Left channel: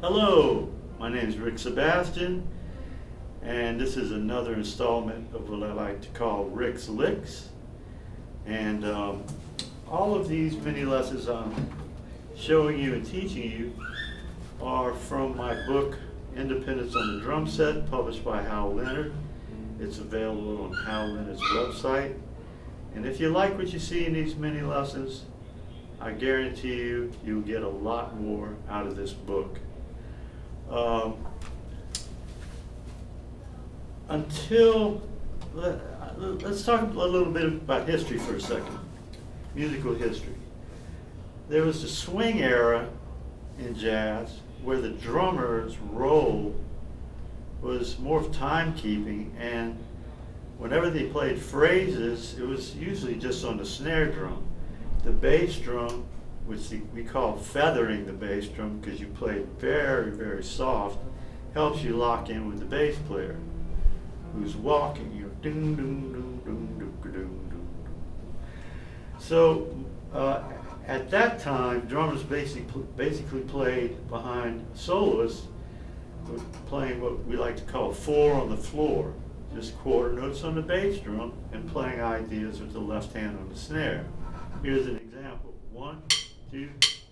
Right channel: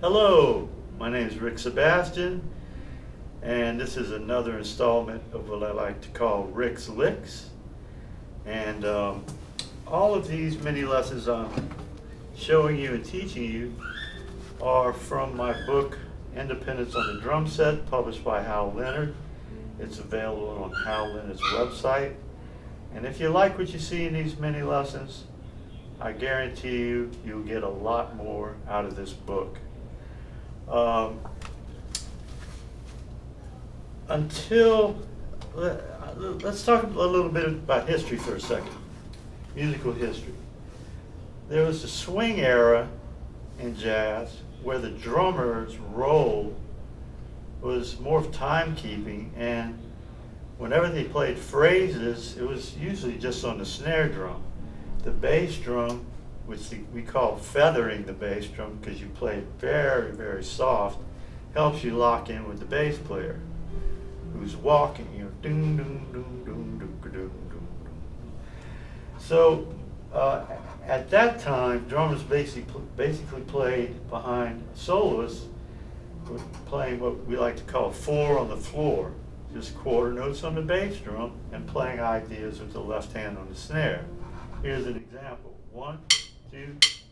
Hello, my name is Rick Sebastian, and this is another installment of what I like to call Rick's Licks. And all of these mini lessons I'm showing you and teaching you are from my book, Independence on the Drum Set, published by Hal Leonard. It's available on Hal Leonard's website. And if you like what you see in these mini lessons, I guarantee you, you'll get a lot more out of this book. Let's talk a little bit about history for a second, musical history. There was the swing era in jazz where the drummer's role was more of timekeeping, and whenever they played phrases, it was usually just on the snare drum. The bass drum, which we call feathering the bass drum because you play it very, very soft, helps you lock in with the bass player who's walking, ding, ding, ding, ding, ding, ding, ding. So at that time, drummers basically played behind soloists, playing what we like to call four on the floor, just quarter notes on the bass drum and playing ideas with the left hand on the snare. Here's an example. 1, 2,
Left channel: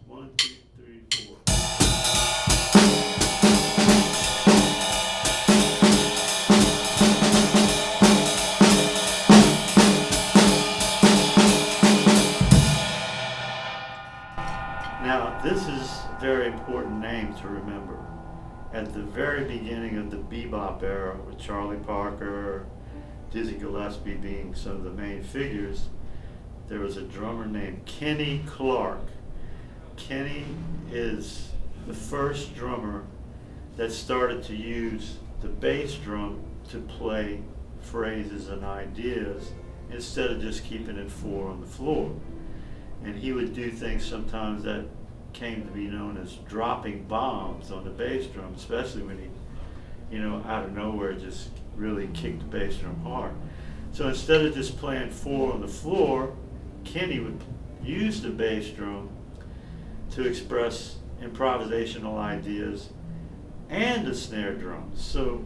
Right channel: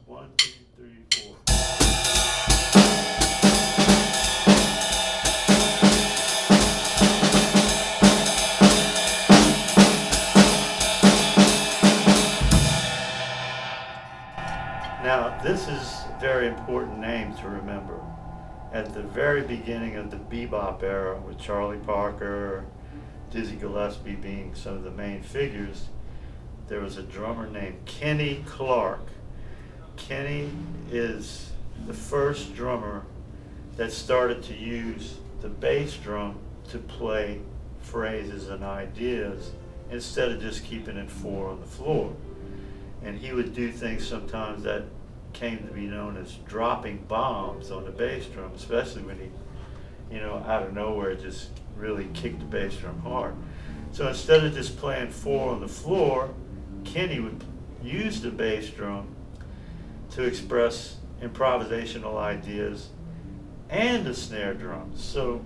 1, 2, 3, 4. Now, this is a very important name to remember. At the very beginning of the bebop era, with Charlie Parker, Dizzy Gillespie being some of the main figures, there was a drummer named Kenny Clarke. Kenny is the first drummer that started to use the bass drum to play phrases and ideas instead of just keeping it four on the floor. And he would do things sometimes that came to be known as dropping bombs on the bass drum, especially when he, out of nowhere just really kicked the bass drum hard. So instead of just playing four on the floor, Kenny would use the bass drum to express improvisational ideas and the snare drum. So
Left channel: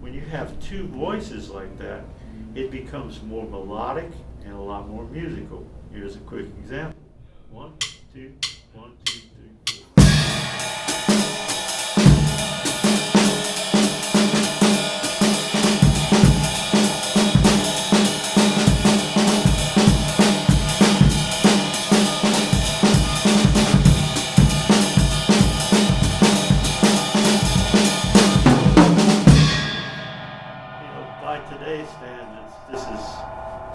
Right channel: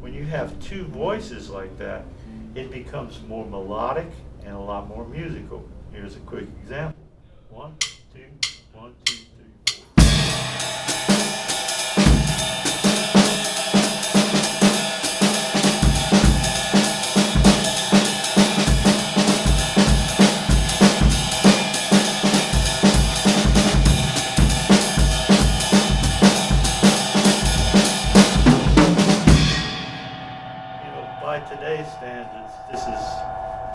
when you have two voices like that, it becomes more melodic and a lot more musical. Here's a quick example. 1, 2, 1, 2, 3, 4. By today's standards, this is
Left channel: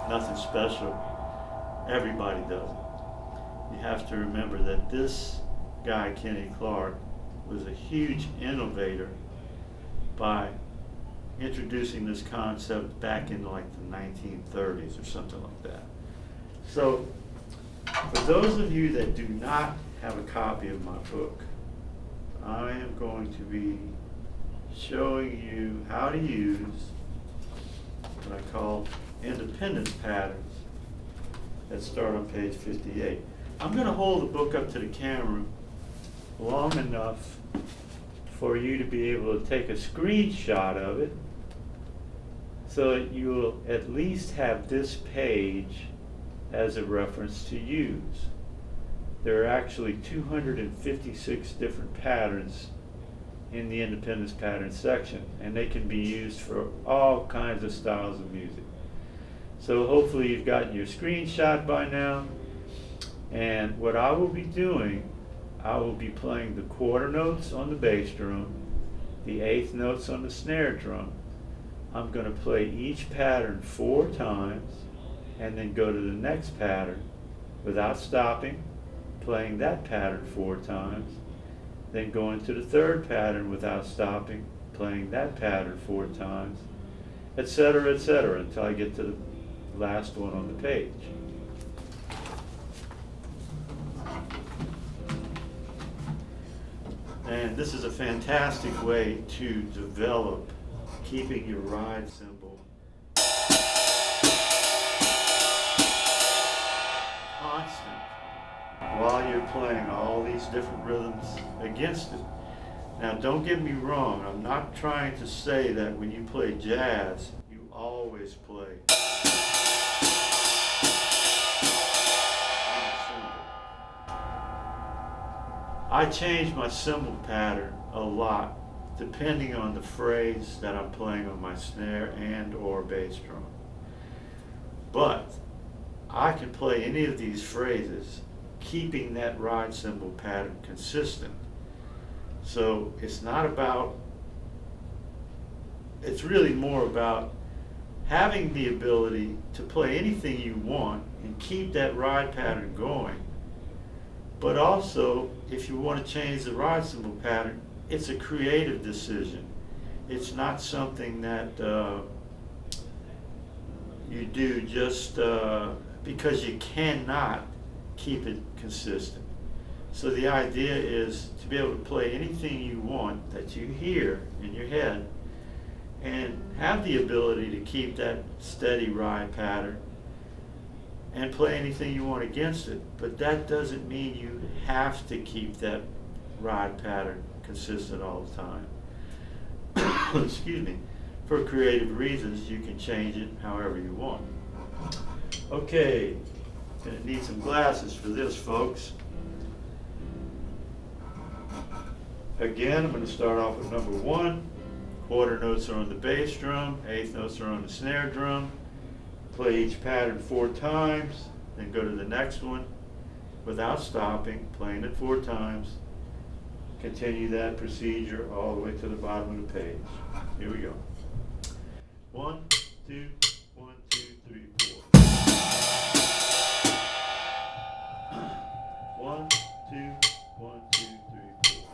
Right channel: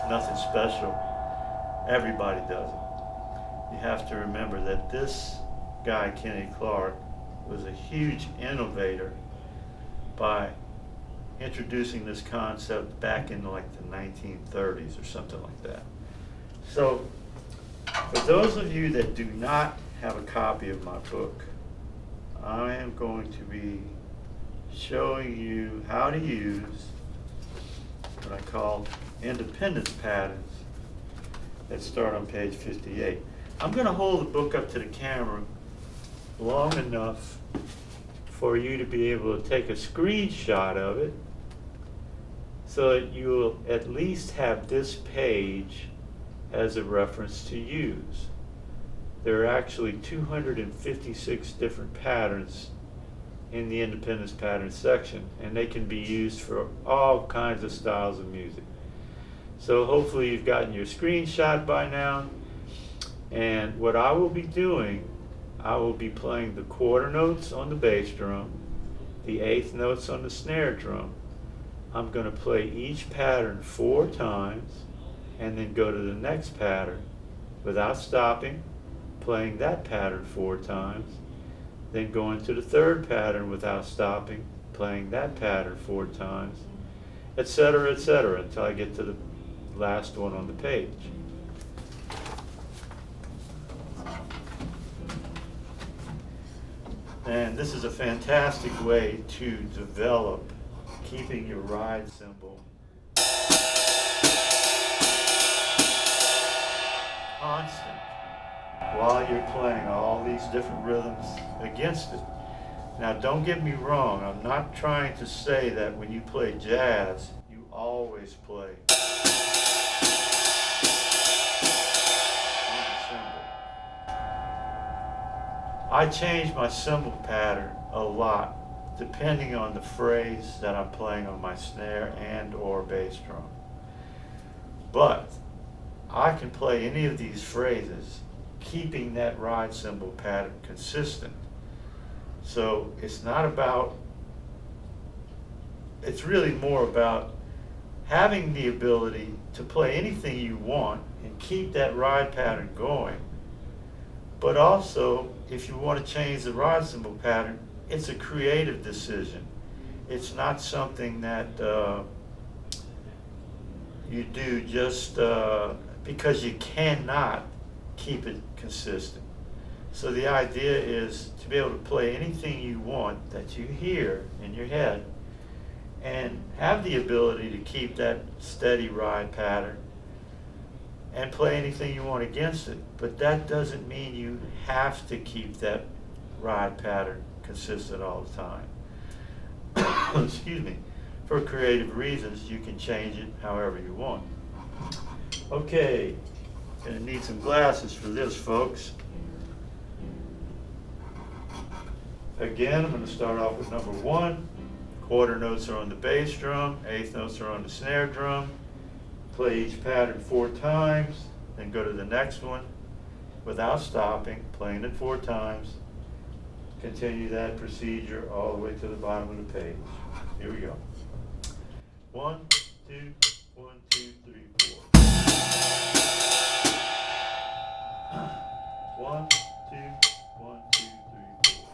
nothing special. Everybody does it. You have to remember that this guy, Kenny Clarke, was a huge innovator by introducing this concept back in like the 1930s or something like that. So, for those of you that do not have a copy of my book, I am going to be showing you how to use what I call independence patterns that start on page 58. I'm going to hold the book up to the camera long enough for you to be able to take a screenshot of it so that you'll at least have this page as a reference to use. There are actually 256 different patterns in the independence pattern section, and they can be used for all kinds of styles of music. So hopefully you've gotten your screenshot by now, and what I will be doing, I will be playing the quarter notes on the bass drum, the eighth notes on the snare drum. I'm going to play each pattern 4 times and then go to the next pattern without stopping, playing that pattern 4 times, then going to the third pattern without stopping, playing that pattern 4 times, etc., until I get to the last one on the page. And this is a fantastic way to develop keeping your ride cymbal constant while you're playing all these different rhythms against it. Now, don't get me wrong, I'm not trying to say that when you play jazz, you always play on a cymbal. I change my cymbal pattern a lot depending on the phrase that I'm playing on my snare and or bass drum. But I can play any of these phrases keeping that ride cymbal pattern consistent. So it's not about, it's really more about having the ability to play anything you want and keep that ride pattern going. But also, if you want to change the ride cymbal pattern, it's a creative decision. It's not something that you do just because you cannot keep it consistent. So the idea is to be able to play anything you want that you hear in your head and have the ability to keep that steady ride pattern and play anything you want against it. But that doesn't mean you have to keep that ride pattern consistent all the time. Excuse me. For creative reasons, you can change it however you want. Okay, gonna need some glasses for this, folks. Again, I'm going to start off with number 1. Quarter notes are on the bass drum, eighth notes are on the snare drum. Play each pattern 4 times, then go to the next one without stopping, playing it 4 times. Continue that procedure all the way to the bottom of the page. Here we go. 1, 2, 1, 2, 3, 4. 1, 2, 1, 2, 3, 4.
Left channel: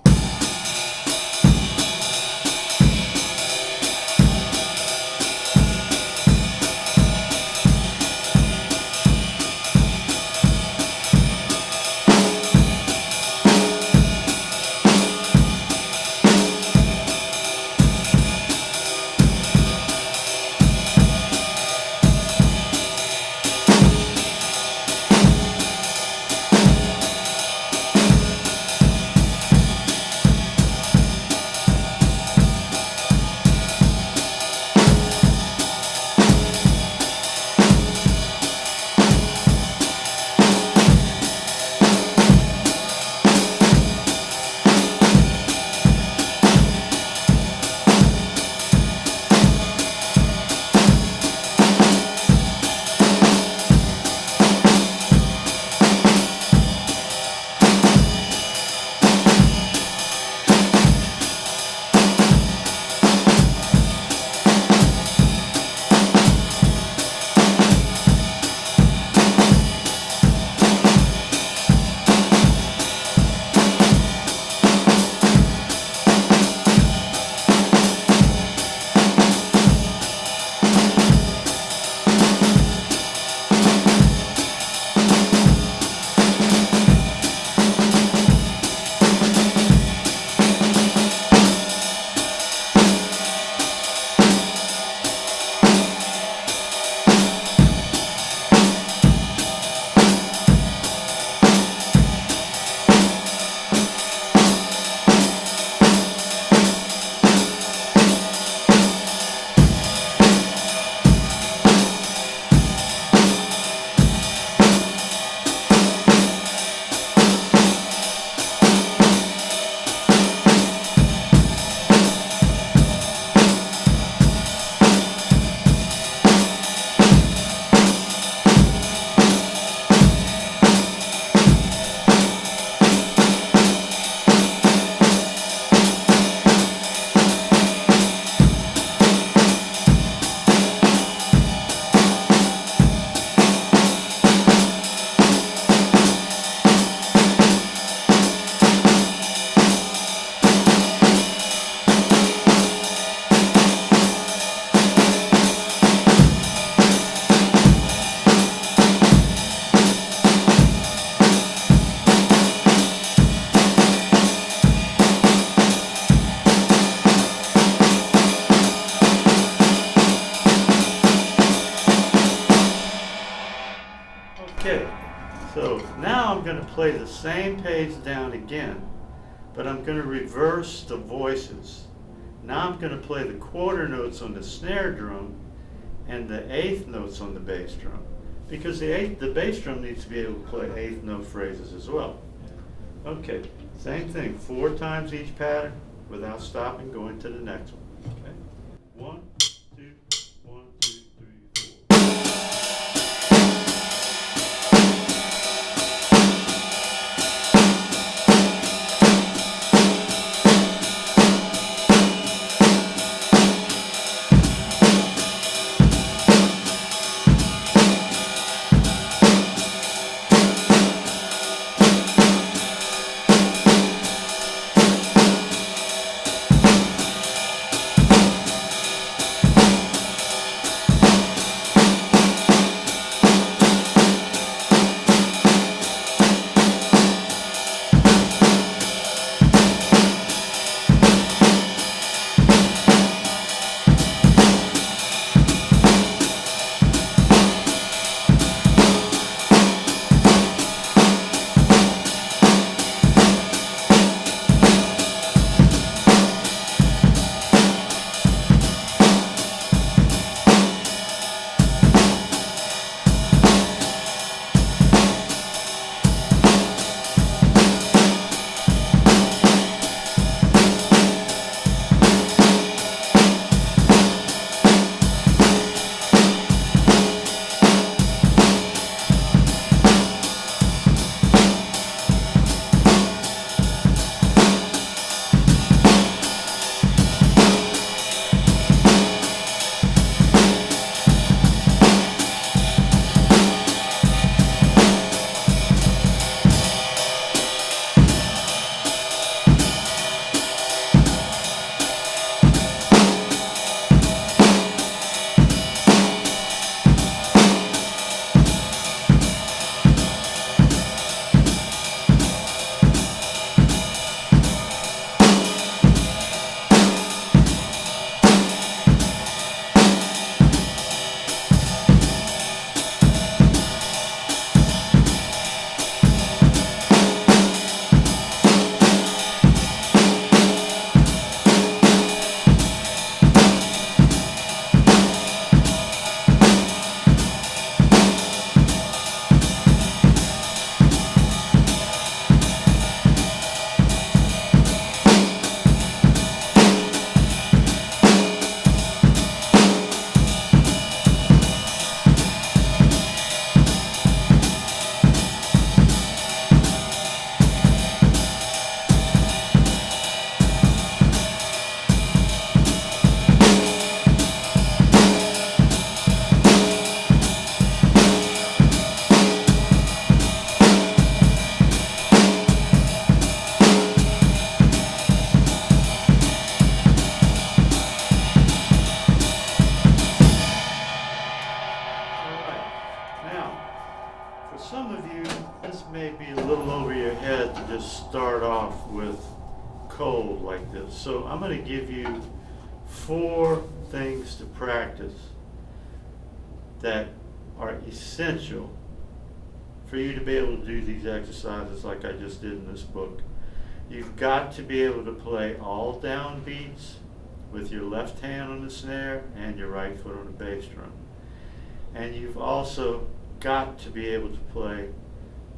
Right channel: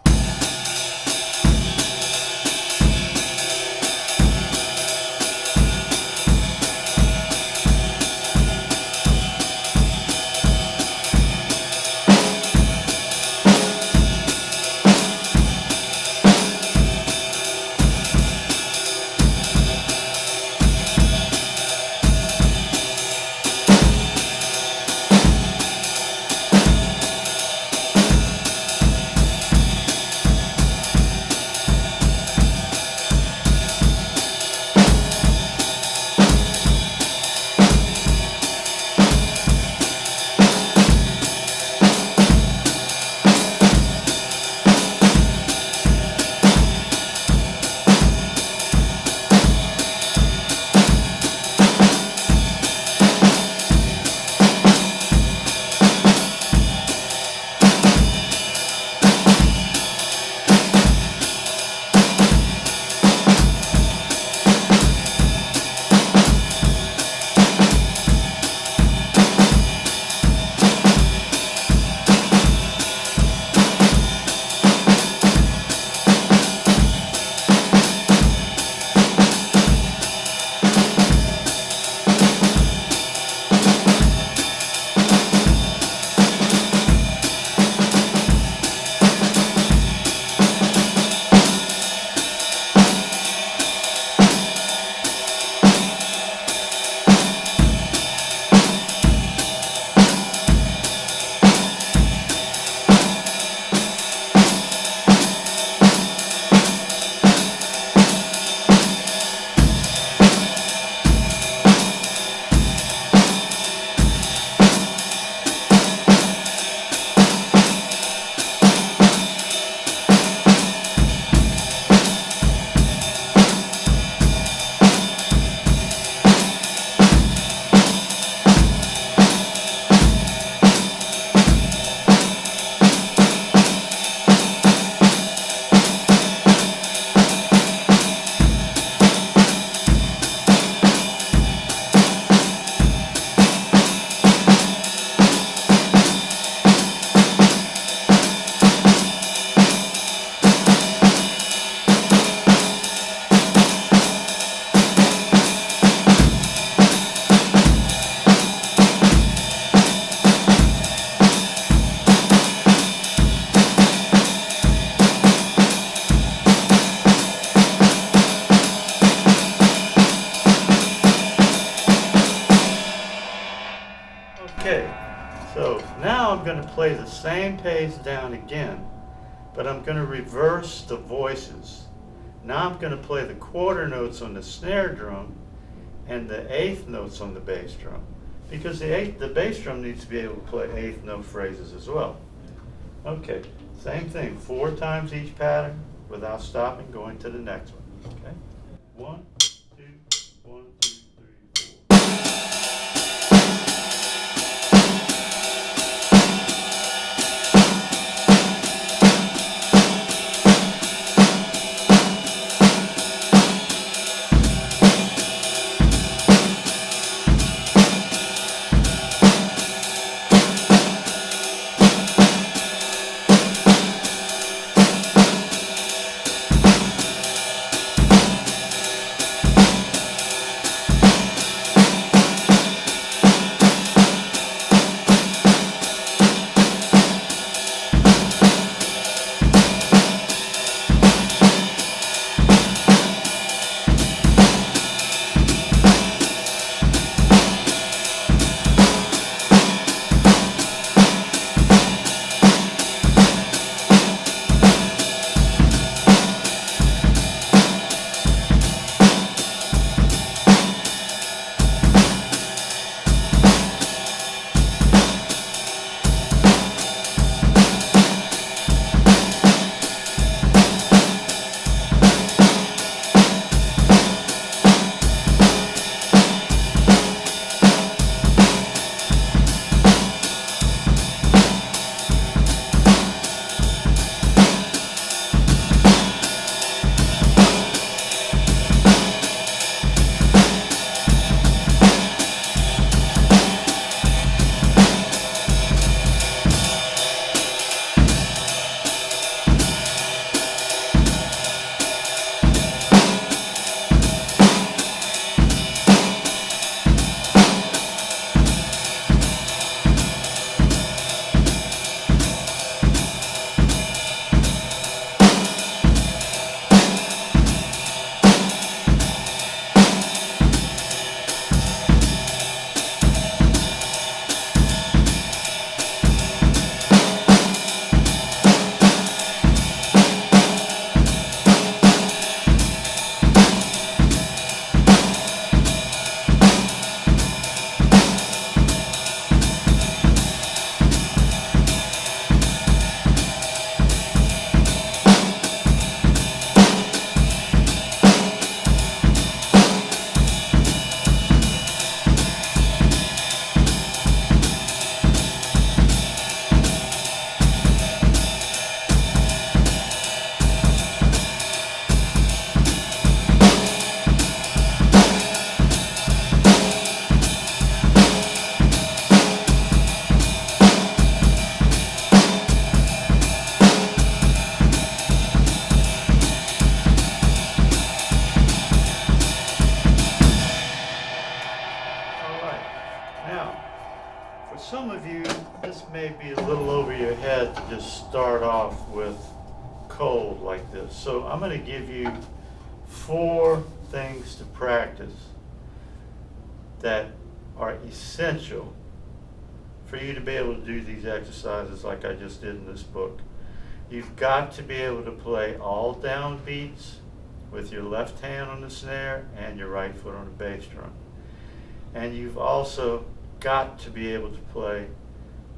Okay, so now I'm going to play the same page down again, but I'm going to reverse the voices. Now I'm going to play the quarter notes on the snare drum and the eighth notes on the bass drum, because the bass drum needs to be able to play eighth note phrases as well. Okay, same thing, 4 times each pattern without stopping, going to the next one. Okay, 1, 2, 1, 2, 3, 4. For some of you, this may be a little over your head to just start off with cold like this. So I'm going to give you 4 things to practice that are essential for you to be able to do these exercises like I just did in this book. You've got to be able to play all downbeats with your left hand on the snare and your right foot on the bass drum. And you've also got to be able to play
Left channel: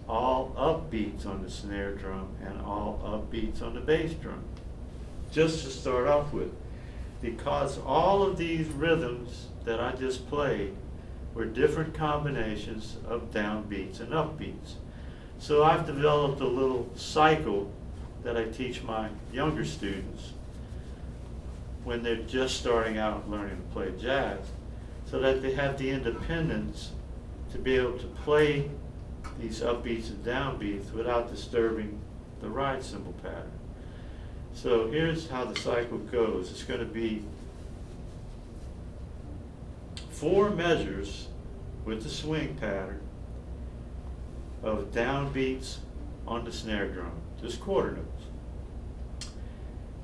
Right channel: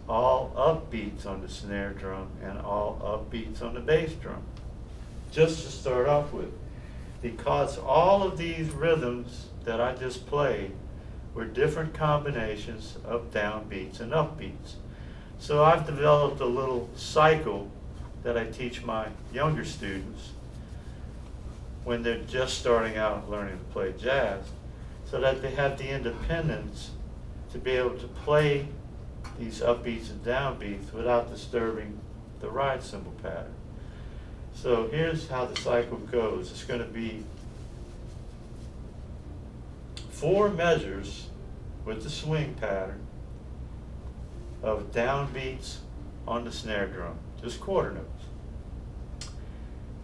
all upbeats on the snare drum and all upbeats on the bass drum, just to start off with. Because all of these rhythms that I just played were different combinations of downbeats and upbeats. So I've developed a little cycle that I teach my younger students when they're just starting out learning to play jazz, so that they have the independence to be able to play these upbeats and downbeats without disturbing the ride cymbal pattern. So here's how the cycle goes. It's going to be 4 measures with the swing pattern of downbeats on the snare drum, just quarter notes.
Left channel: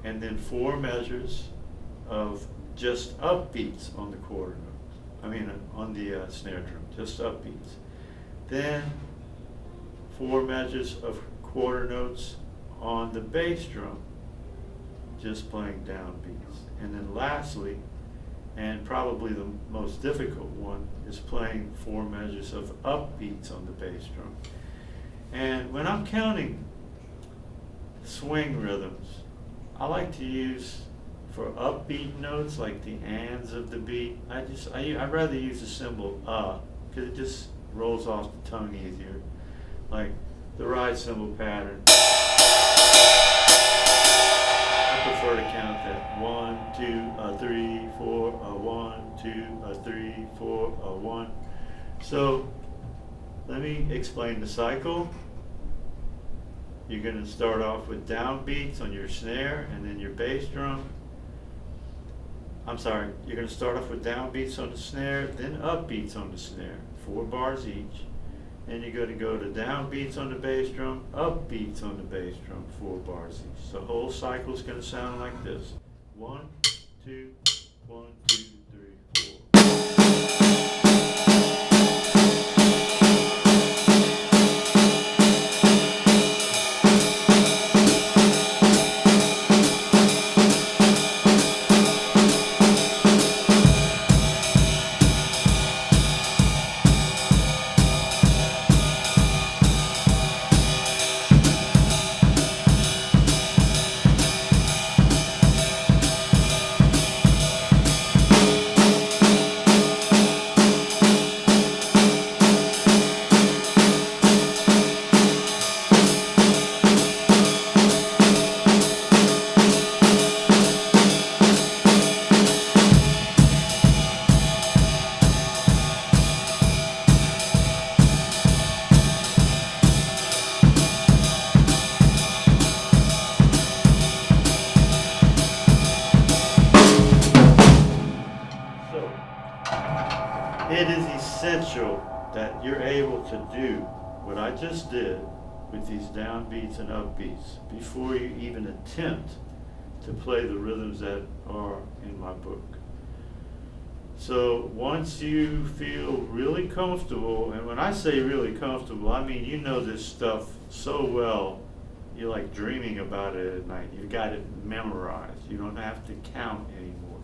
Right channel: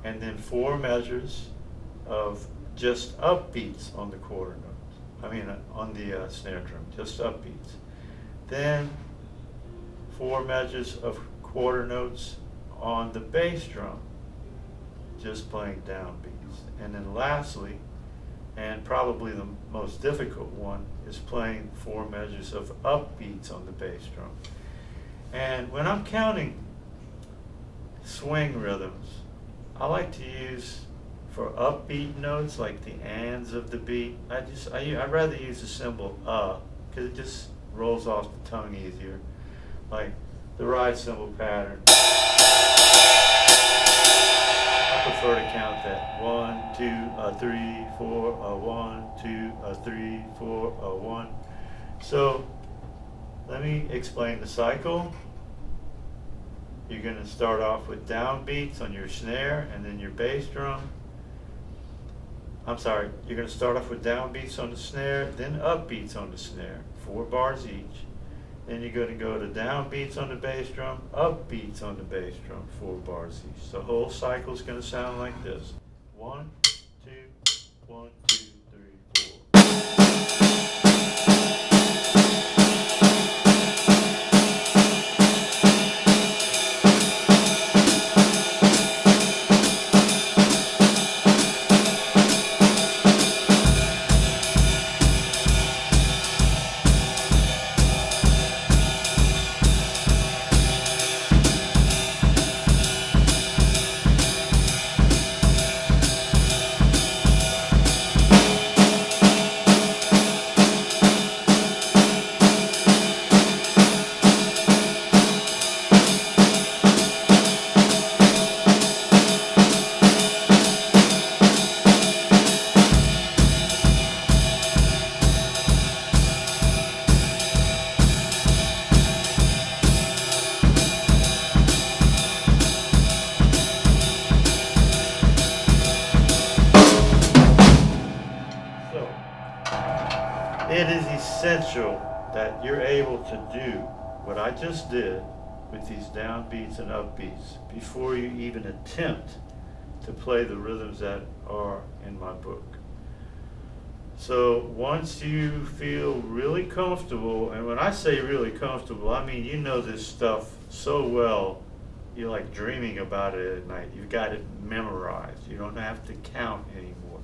And then 4 measures of just upbeats on the quarter notes. On the snare drum, just upbeats. Then 4 measures of quarter notes on the bass drum, just playing downbeats. And then lastly, and probably the most difficult one, is playing 4 measures of upbeats on the bass drum. And when I'm counting swing rhythms, I like to use, for upbeat notes like the ands of the beat, I'd rather use the symbol because it just rolls off the tongue easier. Like the ride cymbal pattern, I prefer to count that 1, 2, 3, 4, 1, 2, 3, 4, 1. So let me explain the cycle. You're going to start off with downbeats on your snare and then your bass drum. I'm sorry, you're going to start off with downbeats on the snare, then upbeats on the snare, 4 bars each. Then you're going to go to downbeats on the bass drum, upbeats on the bass drum, 4 bars each. The whole cycle is going to sound like this. 1, 2, 1, 2, 3, 4. It is essential that you're able to do what I just did with these downbeats and upbeats before you even attempt to play the rhythms that are in my book. So once you feel really comfortable, and when I say really comfortable, I mean you know this stuff so well, you're like dreaming about it at night. You've got it memorized. You don't have to count anymore.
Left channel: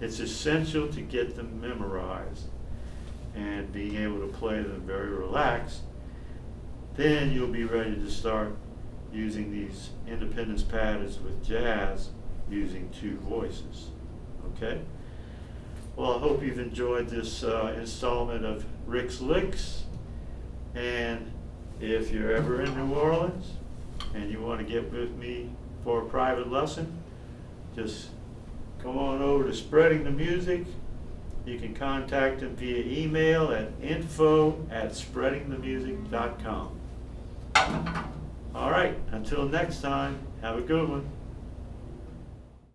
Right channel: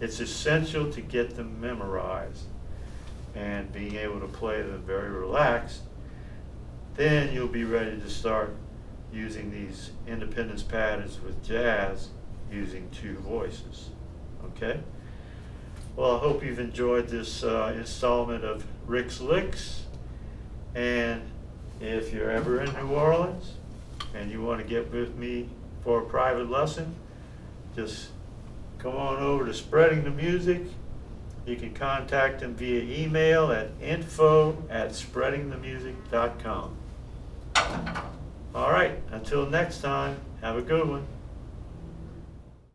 It's essential to get them memorized and being able to play them very relaxed. Then you'll be ready to start using these independence patterns with jazz using 2 voices. Okay? Well, I hope you've enjoyed this installment of Rick's Licks. And if you're ever in New Orleans and you want to get with me for a private lesson, just come on over to Spreading the Music. You can contact them via email at info@spreadingthemusic.com. All right, until next time, have a good one.